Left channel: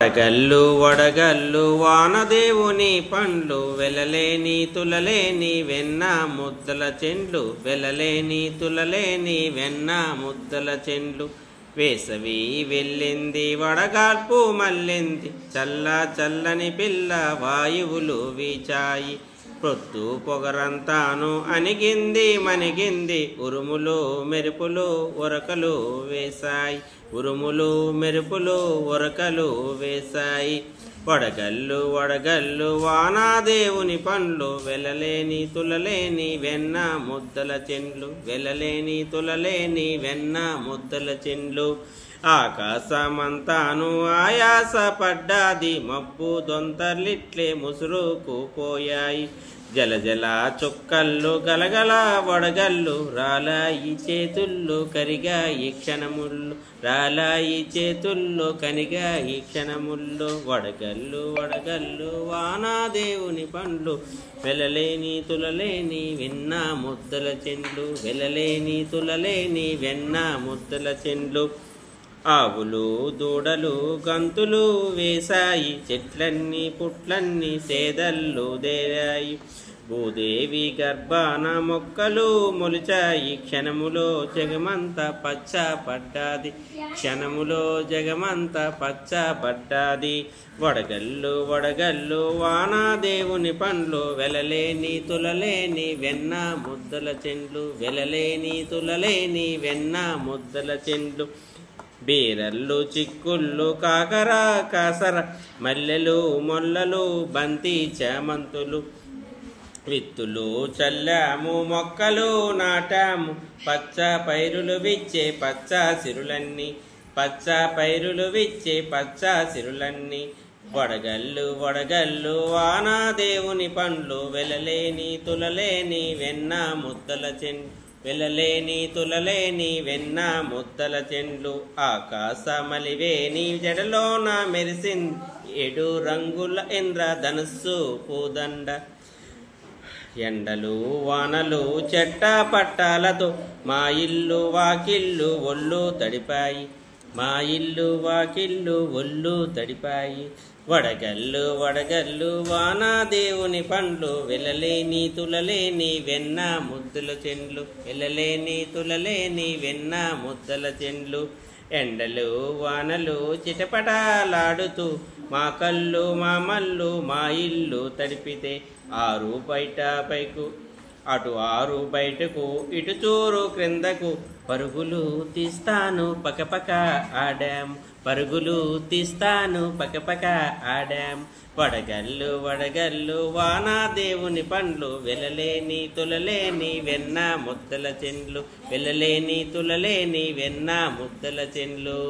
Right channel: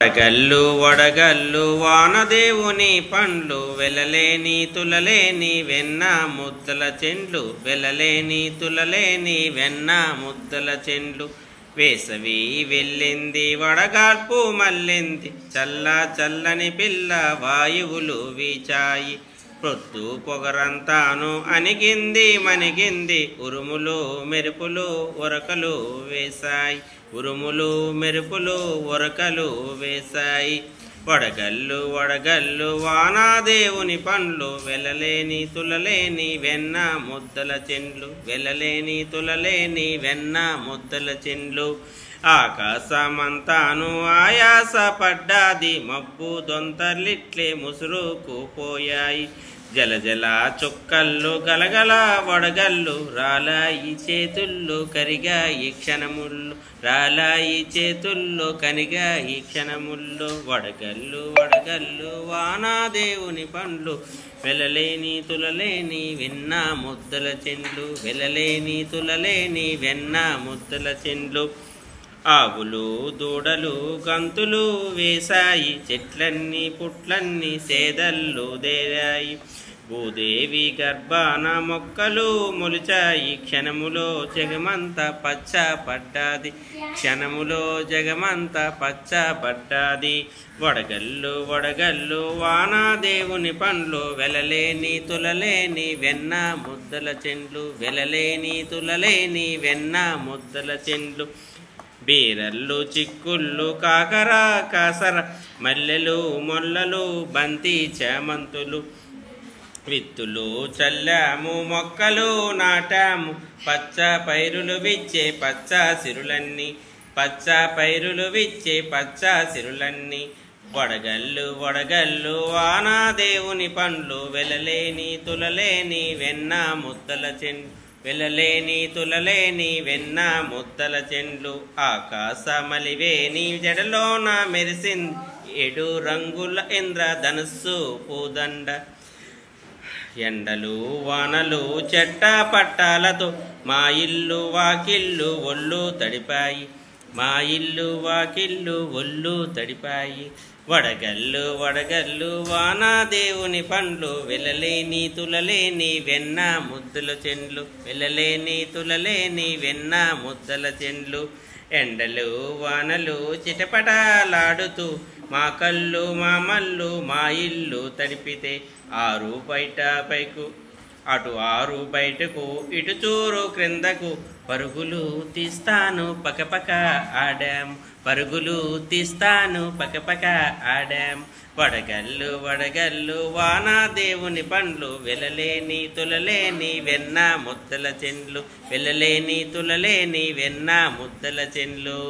వడగల్లు వడగల్లు వానదేవుని పండ్లు వెలలేని తులలేని వెన్న ముద్దల చెండ్లు వెలలేని తులలేని వెన్న ముద్దల చెండ్లు వేసవి వెళ్ళింది వడగాల్పు మళ్ళింది చల్ల చల్లని పిల్ల వాయువులు వీచాయి ప్రొద్దు పొగరంతాను అణిగింది మణిగింది ఉరుములు మెరుపులు ఉరకలు వేశాయి ఉరుములు మెరుపులు ఉరకలు వేశాయి వడగల్లు వడగల్లు వానాదేవుని పండ్లు వెలలేని తులలేని వెన్న ముద్దల చెండ్లు వెలలేని తులలేని వెన్న ముద్దల చెండ్లు ఆకాశమంతాను ఆయాస పడ్డాది మబ్బు దొంతర్లిట్లే ముసురుకు పోయాయి జలజల చుక్కల్లో గలగల వడగల్లు రాలాయి చేతుల్లో కరిగాయి క్షణముళ్ళు రాలాయి చేతుల్లో కనిగాయి క్షణముల్లో వడగల్లు వడగల్లు వానాదేవుని పండ్లు వెలలేని తులలేని వెన్న ముద్దల చెండ్లు వెలలేని తులలేని వెన్న ముద్దల చెండ్లు ఆవులు దూడలు గంతులు వేశాయి చెట్లన్నీ పుట్లన్నీ సేదల్లు దేరాయి భూదేవి గర్భాన మొక్కలు మొలిచాయి క్షణములో జగమంత పచ్చ పడ్డాది క్షణములో జగమంత పచ్చ పడ్డాది వడగల్లు వడగల్లు వానాదేవుని పండ్లు వెలలేని తులలేని వెన్న ముద్దల చెండ్లు వెలలేని తులలేని వెన్న ముద్దల చెండ్లు బీరల్లు చిక్కుళ్ళు కాకర కాసర మల్లెలు మొల్లలు బంతి చామంతులు విత్తులు చల్లాము మొక్కలు నాటాము పచ్చ పైరులు విచ్చే పచ్చ సిరులన్నీ పచ్చ పైరులు విచ్చే పచ్చ సిరులన్నీ వడగల్లు వడగల్లు వానాదేవుని పండ్లు వెలలేని తులలేని వెన్న ముద్దల చెండ్లు వెలలేని తులలేని వెన్న ముద్దల చెండ్లు ఆకాశమలివేని జడలోన మెరిసింది 7 రంగుల ఇంద్రధనుస్సు పూదండ ఎండలు వానలు చెట్ట పట్టాలతో మా ఇల్లు వాకిళ్ళు ఒళ్ళు తడిపాయి మా ఇల్లు వాకిళ్ళు ఒళ్ళు తడిపాయి వడగల్లు వడగల్లు వానాదేవుని పండ్లు వెలలేని తులలేని వెన్న ముద్దల చెండ్లు వెలలేని తులలేని వెన్న ముద్దల చెండ్లు ఎండలు వానలు చిటపటాలాడుతూ మా కళ్ళు మా మల్లు మా ఇల్లు తడిపితే 6 బయట పైకు అటు 6 బయటకు ఇటు చూరు క్రిందకు పరుగులు తీస్తాను పకపక ఆడాం పరుగులు తీస్తాను పకపక ఆడాం వడగల్లు వడగల్లు వానాదేవుని పండ్లు వెలలేని తులలేని వెన్న ముద్దల చెండ్లు వెలలేని తులలేని వెన్న ముద్దల చెండ్లు